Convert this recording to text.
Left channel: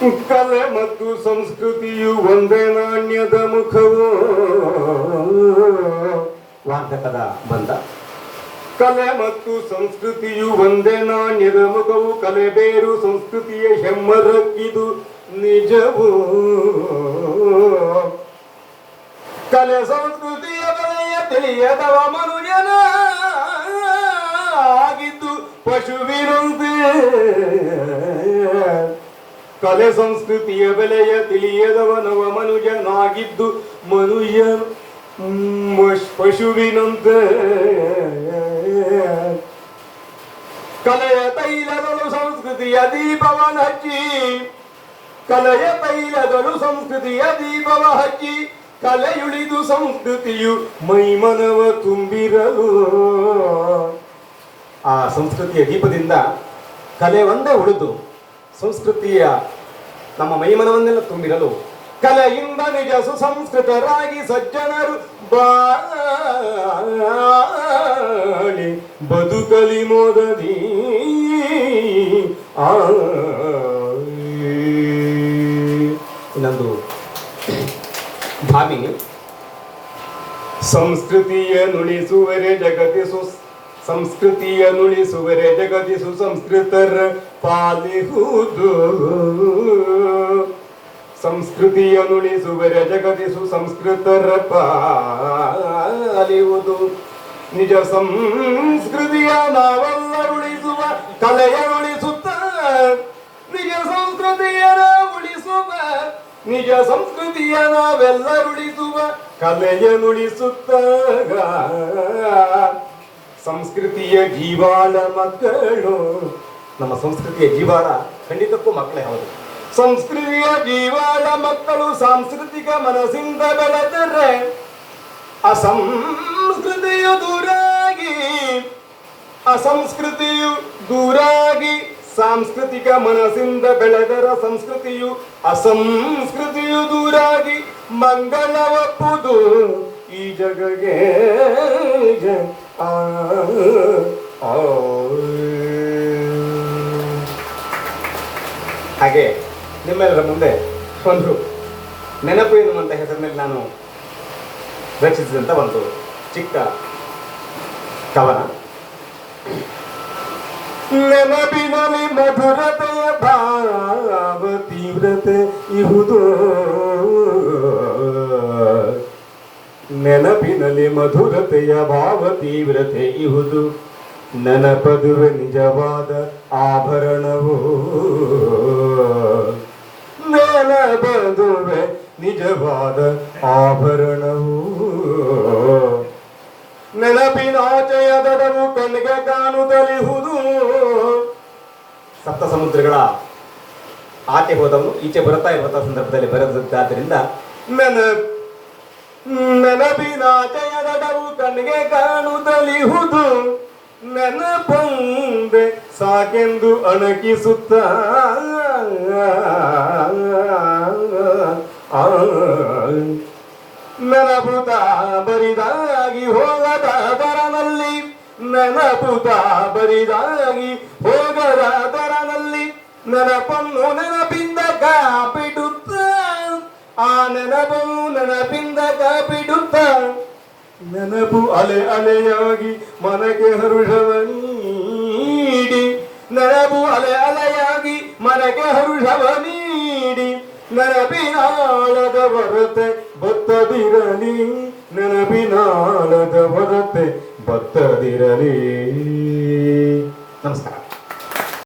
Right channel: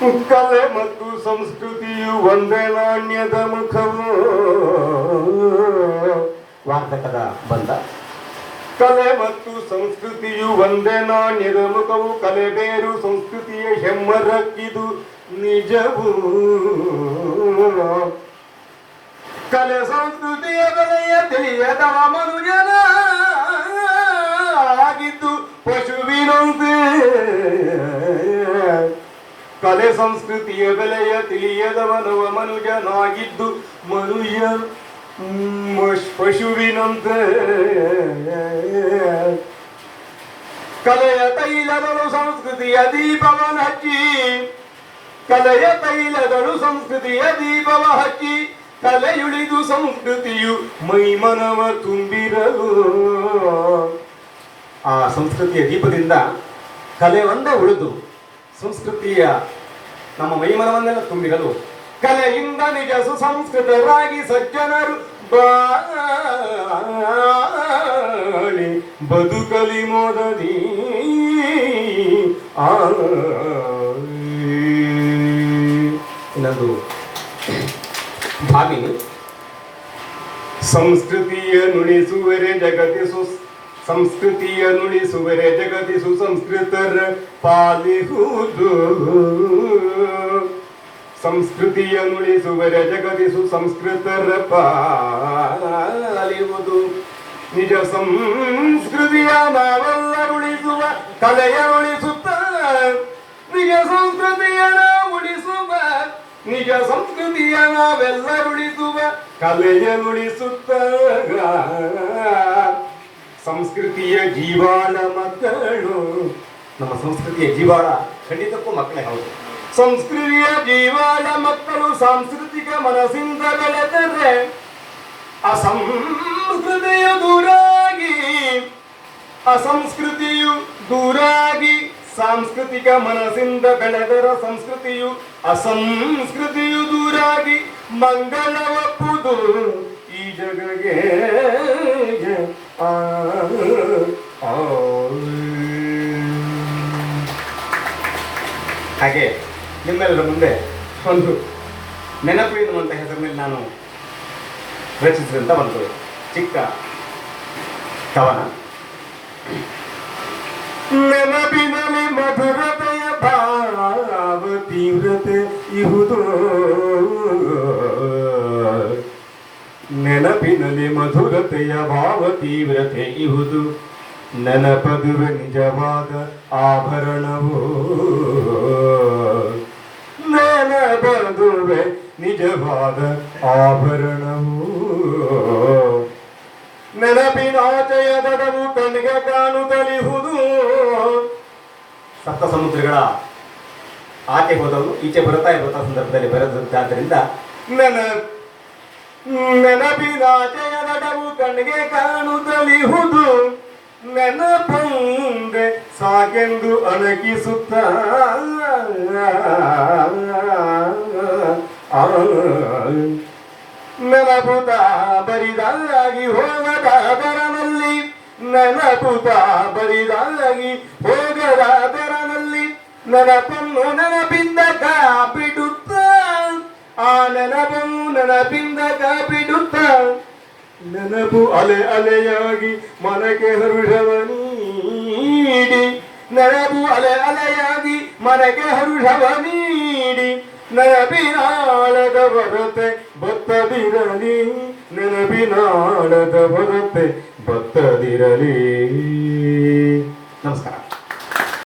ಕಲೆ ಮತ್ತು ಸಂಸ್ಕೃತಿಯು ಒಂದೇ ನಾಣ್ಯದ ಮುಖವು. ವಾರ್ತಕದ ಬಂಧ. ಕಲೆ ಮತ್ತು ಸಂಸ್ಕೃತಿಯು ಒಂದೇ ನಾಣ್ಯದ ಮುಖವು. ಕಲೆ ಬೇರು ಸಂಸ್ಕೃತಿಯ ಹೆಮ್ಮರಕ್ಕಿದು ನಿಜವು. ಕಲೆ ಸಂಸ್ಕೃತಿಯ ಬೆಲೆಯ ತಿಳಿಯದವ ಮನುಜನ ಆಗಿದ್ದು ಪಶುವಿನಂತೆ. ಕಲೆ ಸಂಸ್ಕೃತಿಯ ಬೆಲೆಯ ತಿಳಿಯದವನವ ಮನುಜನಾಗಿದ್ದು ಮನುಜ ಪಶುವಿನಂತೆ. ಕಲೆಯ ತೈಲಗಳು ಸಂಸ್ಕೃತಿಯ ದೀಪವನ ಹಚ್ಚಿ. ಕಲೆಯ ತೈಲಗಳು ಸಂಸ್ಕೃತಿಯ ದೀಪವ ಹಚ್ಚಿ. ಕಲೆಯುಳಿದು ಸಂಸ್ಕೃತಿಯು ಮೈಮನವ ತುಂಬಿರಲು. ಆ ಸಂಸ್ಕೃತಿಯ ದೀಪದಿಂದ ಕಲೆ ಒಂದೇ ಉಳಿದು ಸಂಸ್ಕೃತಿಯ ನಮ್ಮ ಮೈಮನವನ್ನೆಲ್ಲ ತುಂಬಿರಲು ಕಲೆಯಿಂದ ನಿಜ ಸುಸಂಸ್ಕೃತರಾಗಿ ಸಜ್ಜನರು ಬಾಳಿ ಬದುಕಲಿ ಮೋದದಿ. ಇನ್ನೊಂದು ಭಾವಿನಿ. ಸಂಸ್ಕೃತಿಯ ನುಡಿಸುವರೆ ಜಗತಿಸು. ಸಂಸ್ಕೃತಿಯ ನುಡಿಸುವರೆ ಜಗತಿಸು ಸಂಸ್ಕೃತರ ಪಾಲಿಹುದು. ಸಂಸ್ಕೃತಿಯ ನುಡಿಸುವರೆ ಜಗತಿಸು ಸಂಸ್ಕೃತರ ಪಾಲಿಹುದು. ನಿಜ ಸಂಸ್ಕೃತಿಯ ನಾವೆಲ್ಲ ಉಳಿಸುವ ಕಲೆಯ ಉಳಿಸುತ್ತ. ನಿಜ ಸಂಸ್ಕೃತಿಯ ಉಳಿಸುವ ನಿಜ ಸಂಸ್ಕೃತಿಯ ನಾವೆಲ್ಲ ಉಳಿಸುವ ಕಲೆಯ ನುಡಿಸುತ್ತ. ಸಂಸ್ಕೃತಿಯ ಜೀವಾಳ ಮಕ್ಕಳು. ನಮ್ಮ ಸಂಸ್ಕೃತಿಯ ಜೀವಾಳ ಖಂಡಿತಕ್ಕೂ ಮಕ್ಕಳೇ ಹೌದು. ಸಂಸ್ಕೃತಿಯ ಜೀವಾಳ ಮಕ್ಕಳು ಸಾಂಸ್ಕೃತಿಕ ಮನಸ್ಸಿಂದ ಬೆಳೆದರೆ ಅಸಂಸ್ಕೃತಿಯು ದೂರಾಗಿ. ಅಸಂಸ್ಕೃತಿಯು ದೂರಾಗಿ ಸಾಂಸ್ಕೃತಿಕ ಮನಸ್ಸಿಂದ ಬೆಳೆದರ ಸಂಸ್ಕೃತಿಯು ಅಸಂಸ್ಕೃತಿಯು ದೂರಾಗಿ ಮಂಗಳವಪ್ಪುದು ಈ ಜಗಗೆ. ಹಾಗೆ ನಿಮ್ಮೆಲ್ಲರ ಮುಂದೆ ಒಂದು ನೆನಪು ಎನ್ನುವಂಥ ಹೆಸರಿನಲ್ಲಿ ನಾನು ರಚಿಸಿದಂಥ ಒಂದು ಚಿಕ್ಕ ಕವನ. ನೆನಪಿನಲ್ಲಿ ಮಧುರತೆಯ ಭಾವ ತೀವ್ರತೆ ಇಹುದು. ನೆನಪಿನಲ್ಲಿ ಮಧುರತೆಯ ಭಾವ ತೀವ್ರತೆ ಇಹುದು. ನೆನಪದುವೆ ನಿಜವಾದ ಆಭರಣವು. ನೆನಪದುವೆ ನಿಜವಾದ ಆಭರಣವು. ನೆನಪಿನಾಚೆಯ ದಡವು ಕಣ್ಣಿಗೆ ಕಾಣುತ್ತಲಿಹುದು. ಸಪ್ತ ಸಮುದ್ರಗಳ ಆಚೆ ಹೋದವರು ಈಚೆ ಬರ್ತಾ ಇರುವಂತಹ ಸಂದರ್ಭದಲ್ಲಿ ಬರೆದದ್ದಾದ್ದರಿಂದ ನೆನಪಿನಾಚೆಯ ದಡವು ಕಣ್ಣಿಗೆ ಕಾಣುತ್ತಲಿಹುದು. ನೆನಪೊಂದೆ ಸಾಕೆಂದು ಅಣಕಿಸುತ್ತ. ನೆನಪುತ ಬರಿದಾಗಿ ಹೋಗದಾದರನಲ್ಲಿ. ನೆನಪುತ ಬರಿದಾಗಿ ಹೋಗದಾದರನಲ್ಲಿ. ನೆನಪನ್ನು ನೆನಪಿಂದ ಕಾಪಿಡುತ್ತ. ಆ ನೆನಪನ್ನು ನೆನಪಿಂದ ಕಾಪಿಡುತ್ತ. ನೆನಪು ಅಲೆ ಅಲೆಯಾಗಿ ಮನಗೆ ಹರುಷವ ನೀಡಿ. ನೆನಪು ಅಲೆ ಅಲೆಯಾಗಿ ಮನಗೆ ಹರುಷವ ನೀಡಿ. ನೆನಪಿನಾಳದ ಹೊರತೆ ಬತ್ತದಿರಲಿ. ನೆನಪಿನಾಳದ ಹೊರತೆ ಬತ್ತದಿರಲಿ.